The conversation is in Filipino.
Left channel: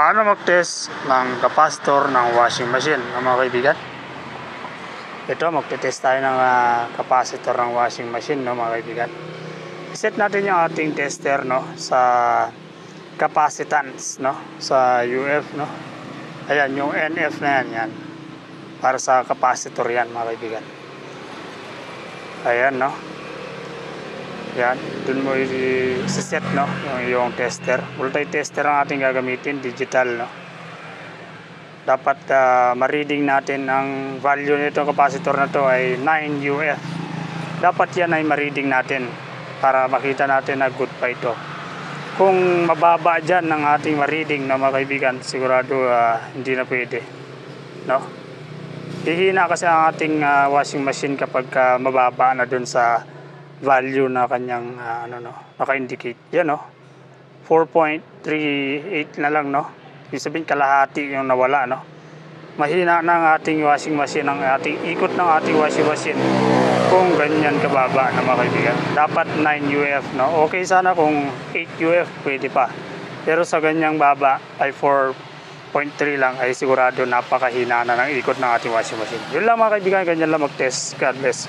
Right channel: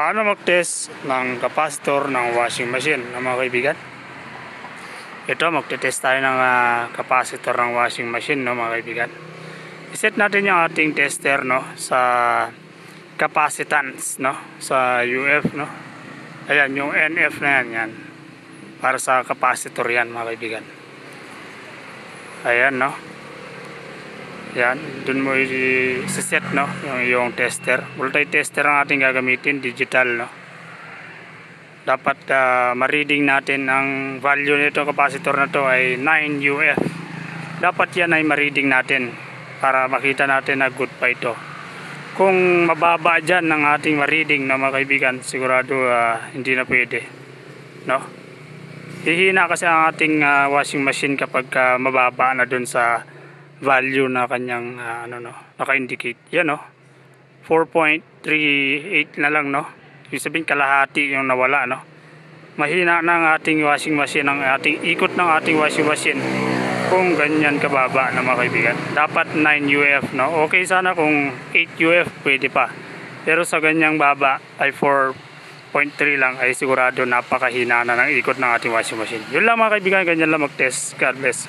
Paano mag-test ng kapasitor ng washing machine, mga kaibigan? Ito, magte-test tayo ng kapasitor ng washing machine, no, mga kaibigan. I-set natin yung ating tester, no, sa capacitance, no, sa UF, no. Ayan, yung NF na yan. Para sa kapasitor yan, mga kaibigan. Ayan, no. Yan, dun mo i-set, no, yung tester. Multi-tester ang ating gagamitin, digital, no. Dapat ma-reading natin ang value nito, kapasitor na to ay 9 UF. Dapat yan ay ma-reading natin para makita natin na good pa ito. Kung mababa dyan ng ating ma-reading, no, mga kaibigan, sigurado hindi na pwede, no. Hihina kasi ang ating washing machine kapag mababa na dun sa value na kanyang naka-indicate. Yan, no, 4.38 na lang, no. Ibig sabihin kalahati yung nawala, no. Mahina na ang ating washing machine, ang ating ikot ng ating washing machine kung ganyan kababa na, mga kaibigan. Dapat 9 UF, no. Okay sana kung 8 UF pwede pa, pero sa ganyang baba ay 4.3 lang ay sigurado napakahina na ng ikot ng ating washing machine. Yun lang, mga kaibigan, ganyan lang mag-test. God bless.